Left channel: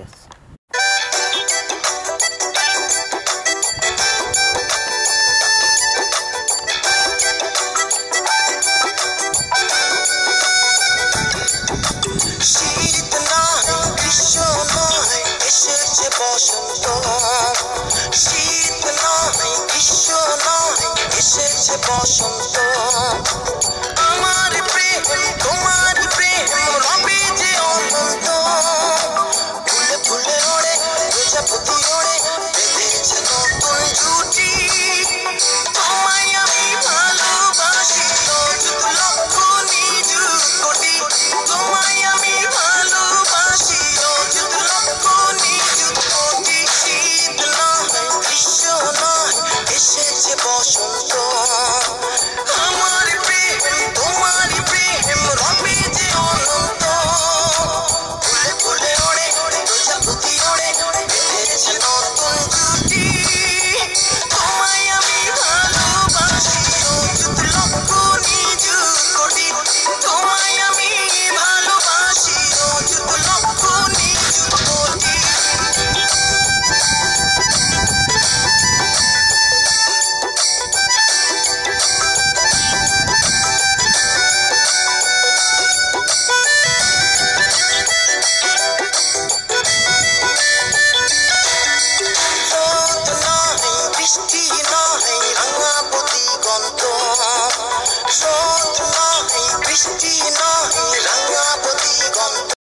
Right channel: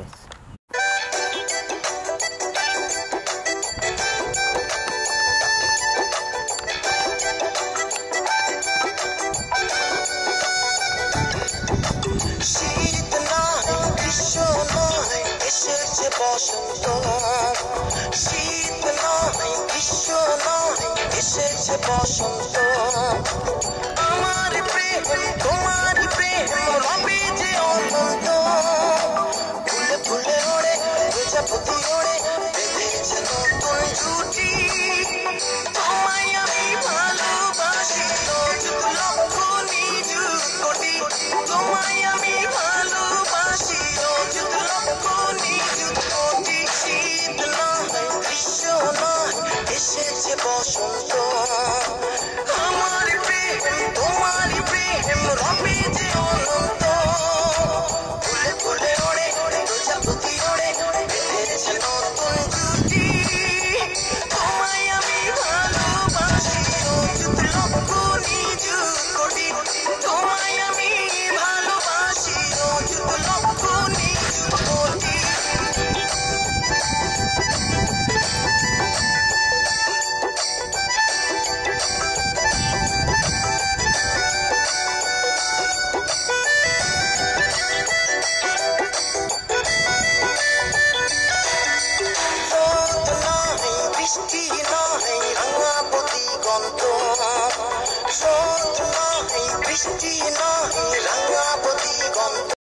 Yes. শীত নয় গ্রীষ্ম নয় এসেছে বসন্ত শীত নয় গ্রীষ্ম নয় এসেছে বসন্ত আমার প্রেম তোমার প্রেম রবে যে অনন্ত ফুলে ফুলে ওড়ে প্রজাপতি ওড়ে বেঁধেছে নতুন জুটি তোমায় আমি ভালোবাসি অযুত লক্ষ নিযুত কোটি তোমায় আমি ভালোবাসি অযুত লক্ষ নিযুত কোটি শীত নয় গ্রীষ্ম নয় এসেছে বসন্ত আমার প্রেম তোমার প্রেম রবে যে অনন্ত ফুলে ফুলে ওড়ে প্রজাপতি ওড়ে বেঁধেছে নতুন জুটি তোমায় আমি ভালোবাসি অযুত লক্ষ নিযুত কোটি তোমায় আমি ভালোবাসি অযুত লক্ষ নিযুত কোটি রোদ নয় বৃষ্টি নয় রাঙা দিগন্ত রোদ নয় বৃষ্টি নয় রাঙা দিগন্ত